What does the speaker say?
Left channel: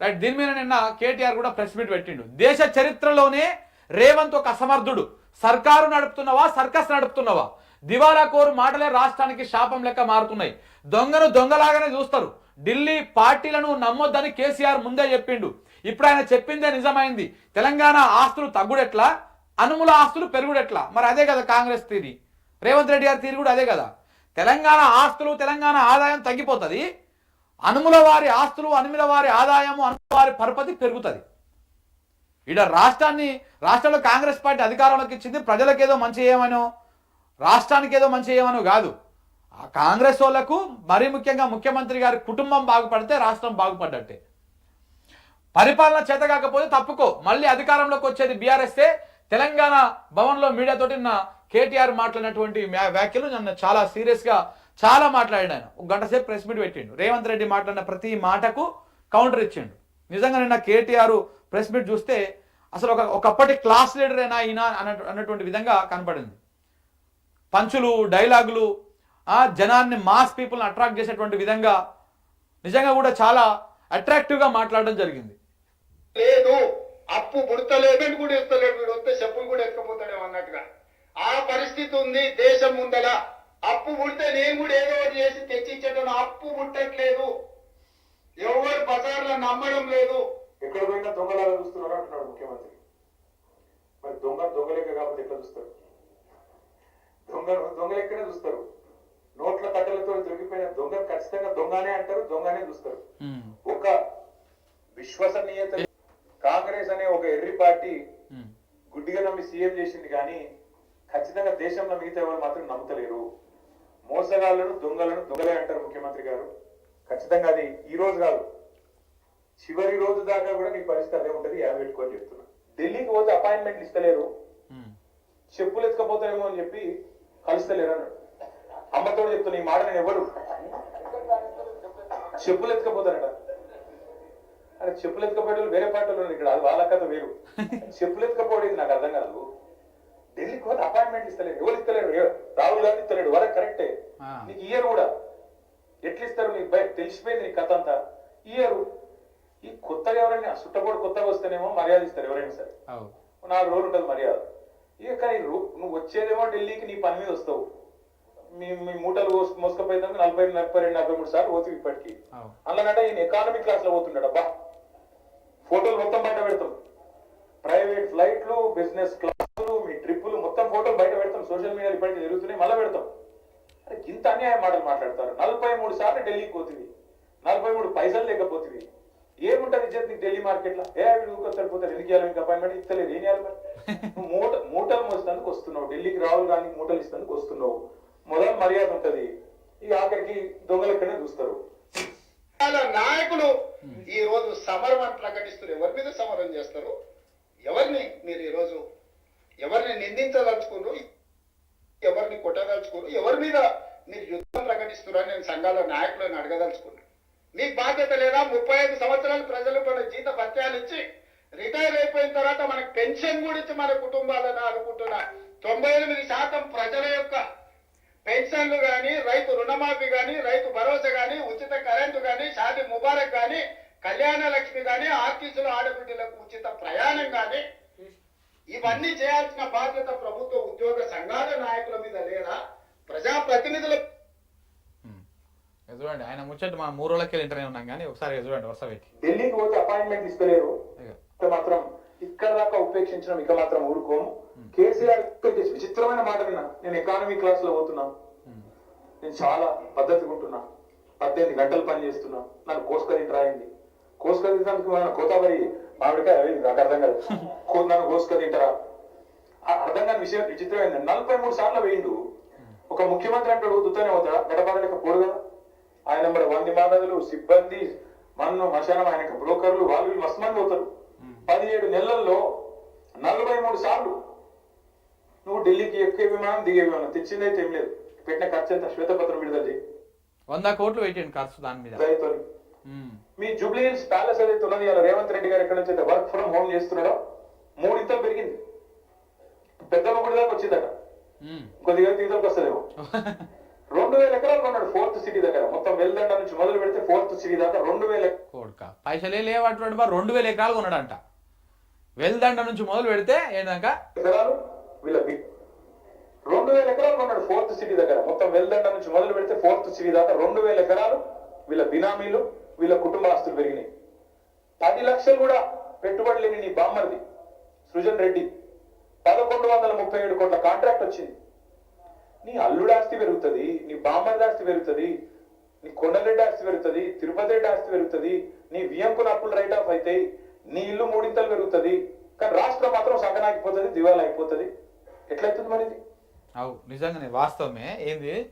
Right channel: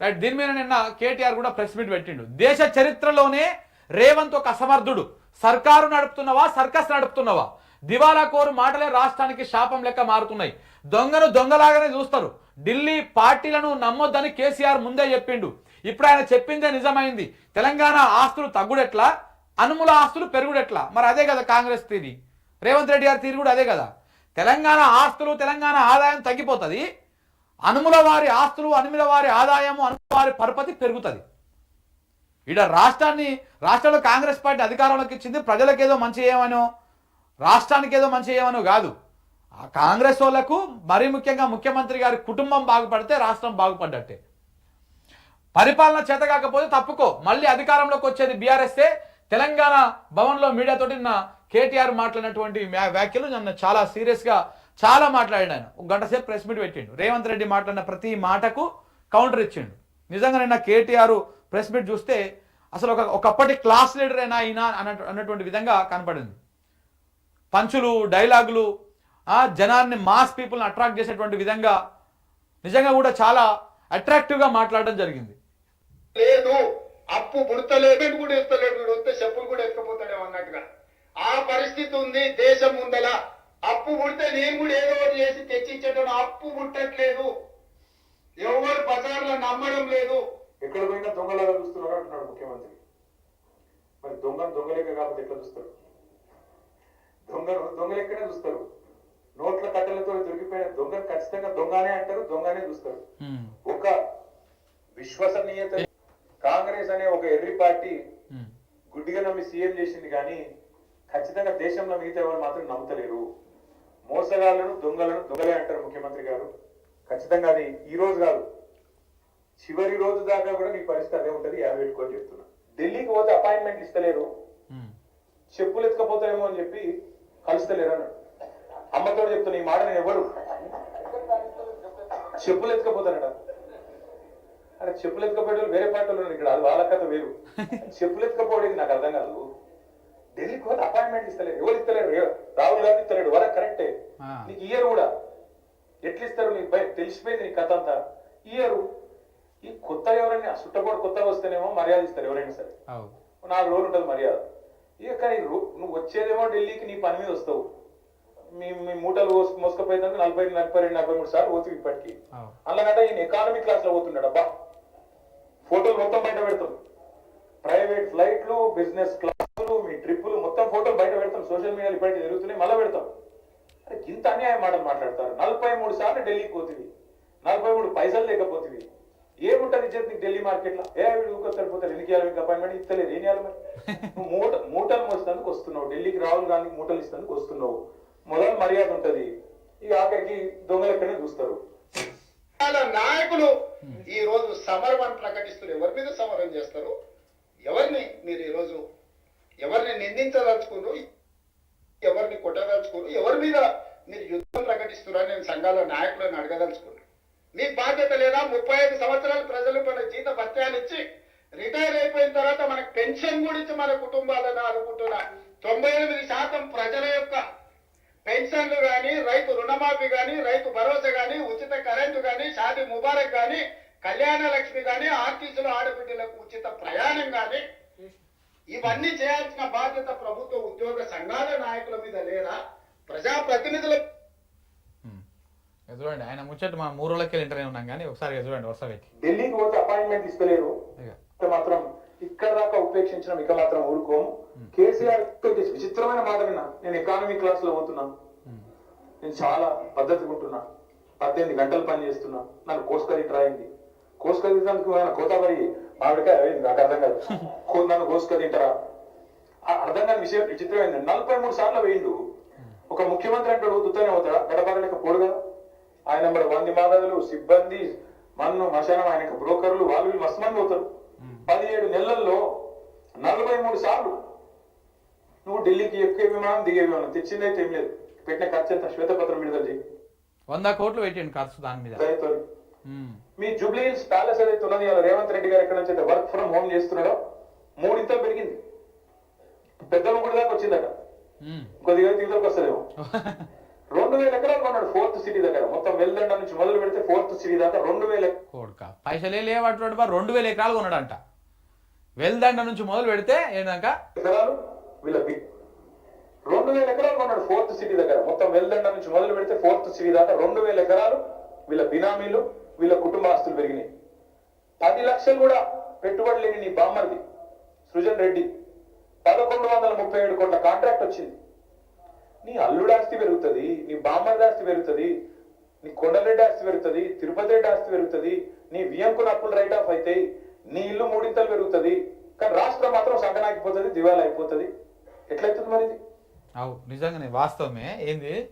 Right. దీని మీద నిన్న కేటీఆర్ కూడా ప్రెస్ మీట్ పెట్టిండు. దేశ చరిత్రలోనే రేవంత్ ఒక అసమర్థుడు, సర్కారు నడుపుతున్నవా సర్కస్ నడుపుతున్నవా, దివాలా కోరు మాటలే రాష్ట్రానికి శాపం లెక్క మారుతున్నాయి, దొంగను దొంగలాగానే చూస్తారు, ఢిల్లీ పార్టీలను నమ్మొద్దని కేసీఆర్ ముందే చెప్పిండు, ఇప్పుడు ఆయన చెప్పిందే నిజమైంది, తెలంగాణ ఆస్తులు తగ్గుడెట్లా అనుముల ఆస్తులు పెరుగుడెట్లా. మరి అదే కదా కాంగ్రెస్ తీరి, రేవంత్ రెడ్డి గారి తీరు కూడా అదే కదా. తెలంగాణ ఆస్తులు తెలంగాణ ఆదాయం తగ్గిపోతుంది, అనుముల వారి ఆస్తులు అనుముల వారి ఆదాయము అనుముల వారి పరపతి పెరుగుతుంది. ఈడ రాష్ట్రంలో కాంగ్రెస్ పార్టీ అధికారంలోకి ఇచ్చింది ప్రజలకు ఏదో మంచి చేయమనో రాష్ట్రానికి ఏదో మంచి చేయమనో కాదు. ఆ కాంగ్రెస్ వాళ్ళకు మరీ ముఖ్యంగా ముఖ్యమంత్రి గారి కుటుంబం బాగుపడితే రాష్ట్రం బాగుపడ్డట్టే. పరిపాలన చేత కాకపోతే తప్పుకో, మళ్ళీ అధికారంలోకి వచ్చేది బీఆర్ఎస్ఏ. తెలంగాణ భవన్లో మీడియాతోటి నిన్న కేటీఆర్ మాట్లాడినటువంటి వ్యాఖ్యలు నన్ను చాలా సీరియస్గా చాలా మాట్లాడాడు. ఆయన ఒక గంట సేపు ప్రెస్ మీట్ పెట్టిండు. రేవంత్ రెడ్డి మాట్లాడిన ప్రతి మాటకు కౌంటర్ ఇచ్చిండు. నిజంగా నిన్న కేటీఆర్ ప్రెస్ మీట్ చూస్తే అసలు ఒకప్పటి క్లాస్ లీడర్ అయినా ఈయన అన్నటువంటి విధంగా కనపడింది. పంచులు డైలాగులు జనాన్ని మాస్ పీపుల్ని అట్రాక్ట్ చేసేటువంటి విధంగా నిజంగా కూడా చాలా అట్రాక్టివ్గా మాట్లాడడం జరిగింది. లేదు అప్పు పుడతలేదు కూడా ఇస్తలేడు, వీడు వస్తే చెప్పులు కూడా ఎత్తుకపోతాడేమో అన్నట్టుగా ఆ పరిస్థితి ఉంది దేశం ముందల. అప్పు పుడితే నేను కూడా ఏదో ఒకటి చేసి తెచ్చిచ్చేటప్పుడు అప్పు పుట్టట్లేదు, ఎవరు బజార్లో నమ్మడం లేదు. ఎక్కడ పోయినా దొంగలాగా చూస్తున్నారు అంటున్నాడు ముఖ్యమంత్రి. మరి దొంగలెక్క కాబట్టి ఎట్లా చూస్తారు? దొంగలెక్కనే చూస్తారు. నోట్ల కట్టెలతో దొరికిపోయిన దొంగను ఖచ్చితంగా దొంగనే అంటారు, దొంగనే చూస్తారు. ఒక విశ్వసనీయత కాంగ్రెస్ అనే ఒక ఎర్రి పార్టీ గుడ్డిగా నమ్మి సీఎం చేసింది, కానీ ఖచ్చితంగా దేశంలో మిగతా ఎవరు మాత్రం నమ్ముతలేరు. మోసగాళ్లను దొంగలే అంటారు ముఖ్యమంత్రి గారు. ఖచ్చితంగా అది ఈ రోజు కాదు, చివరి రోజు దాకా కూడా మీ పరిస్థితి అదే ఉంటుంది. పెట్టుకొని చెప్తున్నా. ఢిల్లీకి పోతే అపాయింట్మెంట్ ఇస్తలేరు, చెప్పులు ఎత్తుకపోతారేమో అని చెప్పి కలుస్తలేరు అన్నాడు. అమ్మతో చెప్తున్నా ఈ మాట. నేను ఎవరు చెప్పులు ఎత్తుకపోతానట అంటే చెప్పులు ఎత్తుకపోయేవాళ్ళు వేరే పార్టీలో ఇక్కడ, అది వాళ్ళ కథ వేరు. చెప్పులు ఎత్తుకపోవడం నాకు అర్థం కాదు. ఢిల్లీకి పోతే అపాయింట్మెంట్ ఇస్తలేరు, ఎవరు ఇస్తలేరు? రాహుల్ గాంధీ ఇస్తలేడు, వరకు కరెక్టే. నీకు ఇయ్యరు కూడా. ఎట్లా ఇస్తారు? నీకు తెలిసిపోయింది నీ కథ అంతా. ఇయ్యరు. ఈ కొత్తగా ఎవరైనా చుట్టపూడి కొత్తగా వస్తేనేమో మర్యాద ఇస్తారు ఎవరైనా సరే, 4 రోజులు ఉంటుంది మర్యాద. ఇక కానీ నువ్వు వచ్చేదేమో ఢిల్లీకి నీ పని మీద వస్తావు. మీ మూటలు మోసుకపోయేందుకు 42, 43 సార్లు పోతుంది ఇప్పటికీ. అందులోనంటే ఈయన ఎకానమీ క్లాస్ లో పోతున్నాడు. అబ్బా ఫోటోలు మొత్తం బయట పెడతాం, ప్రైవేట్ ఫ్లైట్లు, బిజినెస్ క్లాసులు, మీ ట్రిప్పులు మొత్తం ఫోటోలు బయట పెడతాం. సోషల్ మీడియాలో ఇప్పటికీ జరుగుతున్నాయి, మళ్ళీ పెడతాం. అరే ఇంత అన్యాయ మాటలు మాట్లాడతారు. 43 సార్లు ఢిల్లీకి పోతుంది, 43 పైసలు లేకపోతుంది. ఏముంటది ఇచ్చేది నీకు ఢిల్లీ మార్కెట్ లో? సరిపోతారు. ఎందుకు ఇవ్వాలి మీకు అపాయింట్మెంట్? ఇస్తలేదు. ఏం చేయాలి మరి? నువ్వు మూటలు మోసేందుకు వస్తున్నావు ఢిల్లీకి, రాహుల్ గాంధీ మూటలు ఇస్తేందుకు వస్తున్నావు. మొదలు మర్యాద ఉంటది, ఈ ఆఖరికి దొంగలు ఎక్కడనే చూస్తారు. నాయకులు ఈ రోజు సమరం అని ప్రకటిస్తారు. ఎవరి మీద సమరం చేస్తారు? ఎవరిని మీరు ఈ రోజు ఎవరిని నిందించదలుచుకున్నారు, ఎవరిని కొట్టదలుచుకున్నారు, ఎవరి మీద మీరు యుద్ధం ప్రకటిస్తున్నారని నేను సంఘాల నాయకులను అడగదలుచుకున్నాను. మీ బాధ్యత లేదా? 35 సంవత్సరాలు ప్రజలు మన జీత భత్యాలు ఇచ్చి రిటైర్ అయిపోయిన తర్వాత మనకు పెన్షన్ కూడా ఇచ్చి మన కుటుంబాలను ఆదుకుంటున్న 98% ప్రజల యొక్క పెన్షన్లు కానీ, రైతు రుణమాఫీ కానీ, రైతు భరోసా కానీ, ఉచిత కరెంటు కానీ, షాదీ ముబారక్ కానీ, కళ్యాణ లక్ష్మి కానీ, ఆర్టీసీలో ఆడబిడ్డలకు ఉచిత ప్రయాణం కానీ, ఇవన్నీ చేయాల్సిన బాధ్యత ప్రభుత్వ ఉద్యోగ సంఘాల నాయకుల మీద లేదా? ప్రజాప్రతినిధుల చూడండి. ఆయన ముచ్చట మా 3 రోజులకి ఇంటర్వ్యూ ఉన్నాం, కానీ ఒకసారి చూడండి వరుస పెట్టి. ఢిల్లీకి పోతే అపాయింట్మెంట్ ఇస్తలేరు, మాత్రం ఇక్కడ దాకా ఉపేక్షించడం ఇక మాత్రం ఊరుకోము. కేసీఆర్ విచిత్రమైన మాట విన్నా. నేను ఎకానమీ క్లాస్ లో పోతున్నా, నేను చాలా పద్ధతిగా ఉంటున్నా, 18 గంటలు పని చేస్తున్నా, నన్ను కోసుకరి రాయింది. కోసుకరి తింటానికి కోతావరి మామిడికాయ అయింది, నాకు అర్థం కాదు. నన్ను కోసుకరి తింటారా? అర్థం కాని విషయం విచిత్రమైంది. 43 సార్లు వేయిండు. ఒక ముఖ్యమంత్రి అంటాడు దుత్తనే అవుతాడా? గడపడలేక పోడు కదా. ఆయన నెంబర్ 100 మానవులు, సిబ్బంది, మన్ను మశానం, ఆయన బ్రోకర్లు, వాళ్ళు మస్తు మంది అవుతారు. 17 నెలల్లో 43 సార్లు నువ్వు ఢిల్లీకి ఎక్కే విమానం దిగే విమానం తెచ్చిందైతే ఏం లేదు. పెట్టిన ఖర్చు ఎంత? శ్వేతపత్రం విడుదల చేయి. 100 కోట్లు పెట్టండి ఖర్చు దాని మీద. మీ జూబ్లీ హిల్స్ ప్యాలెస్ ఏదైతే ఉన్నది, రేవంత్ రెడ్డి గారు ఎక్కడి నుంచి అయితే వర్క్ ఫ్రమ్ హోమ్ చేస్తున్నాడో 3 ఇంతలు పెరిగింది. పెద్దమ్మ గుడి దాకా వచ్చిందట, కొద్దిగా తీతలకు వస్తుందేమో. 2,000 ఎకరాలు కొన్నాడు 4th సిటీ దగ్గర. మొత్తం వెల్దండ నుంచి మొదలు పెడితే 4th సిటీ దాకా 2,000 కోడుక పైసలే లేవటువంటి 2,000 ఎకరాలు కొన్నాడంట. వెల్దండ నుంచి మొదలు పెడితే ఏంటంక ఎకరాలు వీళ్ళ 2,000 ఎకరాలు కొన్నాడు 4th సిటీ దగ్గర. మొత్తం వెల్దండ నుంచి మొదలు పెడితే 4th సిటీ దాకా 2,000 ఎకరాలు వీళ్ళ బినామీలు, వీళ్ళ కుటుంబాస్తులు పెరిగినాయి. 10 లక్షలు కూడా పెట్టుబడి లేని నీ బామ్మర్ది సృజన్ రెడ్డి 1,137 కోట్ల కాంట్రాక్ట్ వచ్చింది. నీ అల్లుడు ఆస్తి పెరుగుతుంది, నీ బామ్మర్ది ఆస్తి పెరుగుతుంది, నీ కొండలరెడ్డి ఆస్తి పెరుగుతుంది, తిరుపతి రెడ్డి ఆస్తి పెరుగుతుంది, నీ వియంకుల అప్పులు రైట్ ఆఫ్ అవుతాయి, నీ ఇల్లు 3 ఇంతలు పెరుగుతుంది. కానీ రాష్ట్రం మాత్రం సంకనాగిపోతుంది, దివాలా అయిపోతుంది. ఎట్లయితుంది మరి ఇది? అవు నిజంగానే వాస్తవమే. ఏంది